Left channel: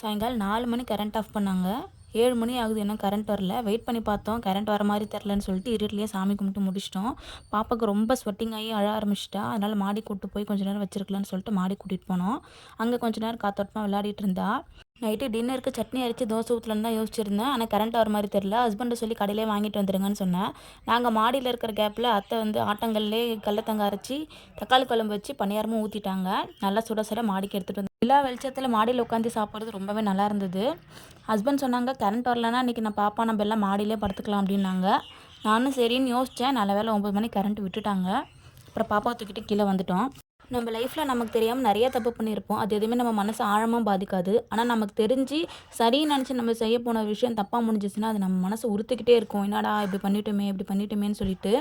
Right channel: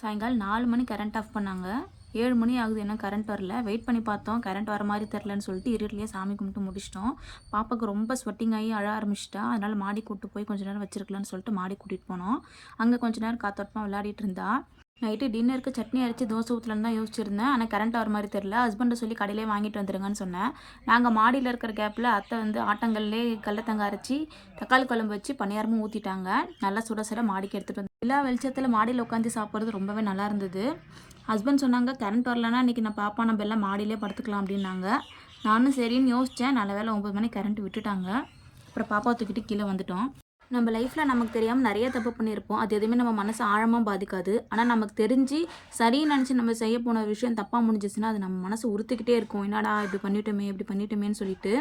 சாயங்காலம் 4 மணி current off பண்ணாங்க. 7 மணி ஆகுது இன்னும் கரண்ட் வரல. வெயிட் பண்ணி பார்த்தோம். கரண்ட் வர மாரி தெரிலன்னு சொல்லிட்டு இருட்டுலயே சாமி கும்பிட்டு முடிச்சுட்டோம். பாப்பாவுக்கு ரொம்ப ஸ்வெட்டிங் ஆகி அழ ஆரம்பிச்சுட்டா. அதனால மாடி கூட்டு போய் கொஞ்ச நேரம் வச்சிருக்கலான்னு சொல்லிட்டு மாடி கூட்டிட்டு போனோம். அங்கே கொஞ்ச நேரம் காத்தோட்டமா விளையாடிட்டு இருந்தா. நைட்டு டின்னருக்கு சட்னி அரைச்சு தோசை ஊற்றலான்னு தான் யோசிச்சிருந்தேன். ஆனால் கரண்ட் வர மாதிரி தெரில. ஹஸ்பண்டை சொல்லி கடையிலே வாங்கிட்டு வந்துருங்கன்னு சொன்னேன். நாங்கள் மாடியில் இருக்கிற கேப்பில் அத்தை வந்து ஆட்டங்கல்லே கடலத்தங்க அரைச்சி தக்காளி குழம்பு வச்சு பணியாரமும் ஊற்றிட்டாங்க. நல்லா சுட சுட மாடிக்கு எடுத்துகிட்டு வந்து நிலா வெளிச்சத்தில் மாடியில் உட்காந்து சாப்பிட்றது ரொம்பவே நல்லா இருந்தது. ஹஸ்பண்ட் சொன்னாங்க கரண்ட் வரலன்னா இன்றைக்கி நான் பாப்பா நம்ம எல்லாம் மாடியிலே படுத்துக்கலாம் அப்படின்னாங்க. நானும் சரின்னு யோசித்தேன். நல்ல வேளை 9 மணிக்கு கரண்ட் விட்டுட்டாங்க. அப்புறம் பாப்பாவை தூக்கிட்டு கீழே வந்துட்டோம். நம்ம லைஃப்பில் நமக்கு தெரியாமல் நிறைய தப்பு பண்ணியிருப்போம். அது எதுவுமே நம்ம மனசை ஆழமாக பாதிக்காது. ஆனால் நமக்கு தெரிஞ்சு சரின்னு நினச்சி நம்ம செய்ய போன விஷயம் தப்பாக முடிஞ்சிச்சுன்னா அது நம்ம மனசை உறுத்திக்கிட்டே இருக்கும். என்னடா இப்படி பண்ணிட்டோமே இப்படி பண்ணிட்டோமேன்னு சொல்லிட்டு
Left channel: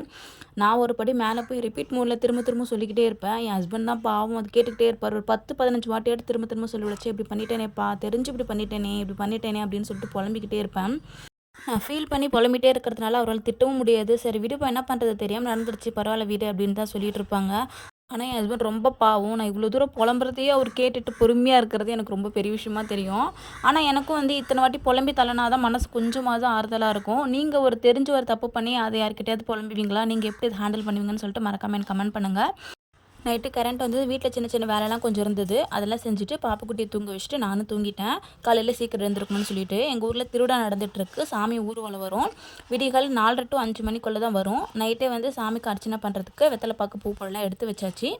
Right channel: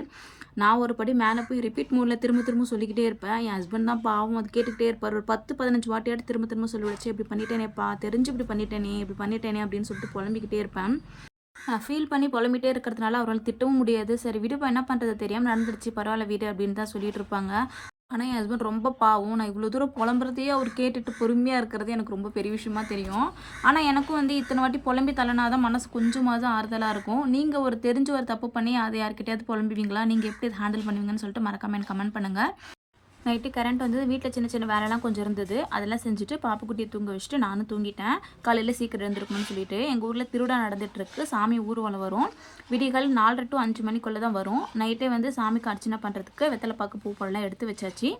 நான் ஒரு படி மேலே போய் ரிப்பீட் மோடில் திரும்ப திரும்ப சொல்லிக்கிட்டே இருப்பேன். என் ஹஸ்பண்ட் தான் பாவம் அது கேட்டுக்கிட்டே இருப்பார். ஒரு 10-15 வாட்டியாட்டு திரும்ப திரும்ப சொல்லி வச்சு இப்படி பண்ணிட்டேனேப்பா, தெரிஞ்சு இப்படி பண்ணிட்டேனே அப்படின்னு சொல்லிட்டு புலம்பிக்கிட்டே இருப்பேன். நான் ஃபீல் பண்ணி புலம்பிட்டே இருக்கிறதுனால அவரால் திட்டவும் முடியாது. சரி விடுப்பா, என்ன பண்ணுறது, தெரியாமல் நடந்துருச்சு, பரவாயில்ல விடு அப்படின்னு தான் சொல்லிட்டு இருப்பாங்க. ஆனால் என் ஹஸ்பண்ட் ரொம்ப பாவம். நான் இவ்வளோ தூரம் புலம்புறதையே அவர் கேட்டுட்டு பொறுமையாக இருக்கிறது எனக்கு ரொம்ப பெரிய விஷயமா தெரியும். ஆனால் எனக்கும் வந்து இத்தனை வாட்டி புலம்பி தள்ளனாதான் மனசு கொஞ்சமாவது ஆறுதலாக இருக்கும். நீங்கள் ஒரு தெரிஞ்சு ஒரு தப்பு பண்ணி அதை யார்கிட்டயாவது புலம்புவீங்களா? நீங்கள் எப்படி அதை ஹேண்டில் பண்ணுவீங்கன்னு சொல்லிட்டு மறக்காமல் எனக்கு கமெண்ட் பண்ணுங்கள். நைட்டு கரண்ட் வந்தது. வீட்டில் சின்ன சின்ன வேலைலாம் கொஞ்சம் இருந்தது. அதெல்லாம் செஞ்சுட்டு பாப்புக்குட்டியை தூங்க வச்சுட்டு நானும் தூங்கிட்டேன். காலையில் சீக்கிரம் எழுந்திருக்கணும்னு சொல்லிட்டு எங்கள் ஊரில் திருவிழா நடந்துகிட்ருக்கு. சாமி ஊர்வலம் வரும். விடிகால் 4:30 to 5 மணிக்குள்ளே தான் வரும். நைட்டே வந்து சாமிக்கு அர்ச்சனை பண்ணுறதுக்கு வெத்தலை பாக்கு பூ பழம்லாம் எடுத்து வச்சாச்சு.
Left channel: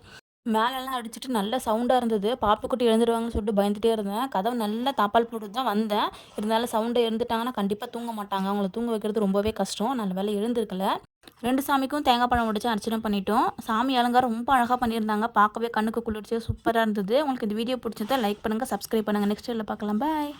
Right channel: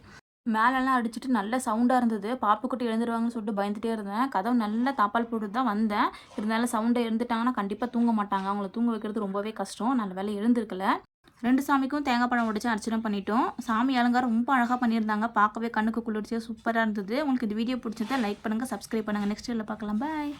மேலெல்லாம் அடிச்சுட்டு நல்ல சவுண்டாக இருந்தது. பாப்புக்குட்டி எழுந்துருவாங்கன்னு சொல்லிட்டு பயந்துகிட்டே இருந்தேன். கதவு நல்லா தாப்பால் போட்டு தான் வந்தேன். இருந்தாலும் சவுண்டை இருந்துட்டாங்கன்னா கண்டிப்பாக தூங்க மாட்டாங்க. அவங்கள தூங்க வைக்கிறது ரொம்பவே கஷ்டம். நல்ல வேலை எழுந்திருக்கல. 2 சாமிக்கும் தேங்காய் பழம் உடைச்சு அர்ச்சனை பண்ணிட்டோம். சாமி அலங்காரம் ரொம்ப அழகாக பண்ணியிருந்தாங்க. பார்க்கவே கண்ணுக்கு குளிர்ச்சியாக சூப்பராக இருந்தது. உங்களுக்கு இந்த வீடியோ பிடிச்சிருந்தா லைக் பண்ணுங்கள், சப்ஸ்கிரைப் பண்ணுங்கள். நெக்ஸ்ட் வீடியோவில் பார்க்கலாம். பாய்.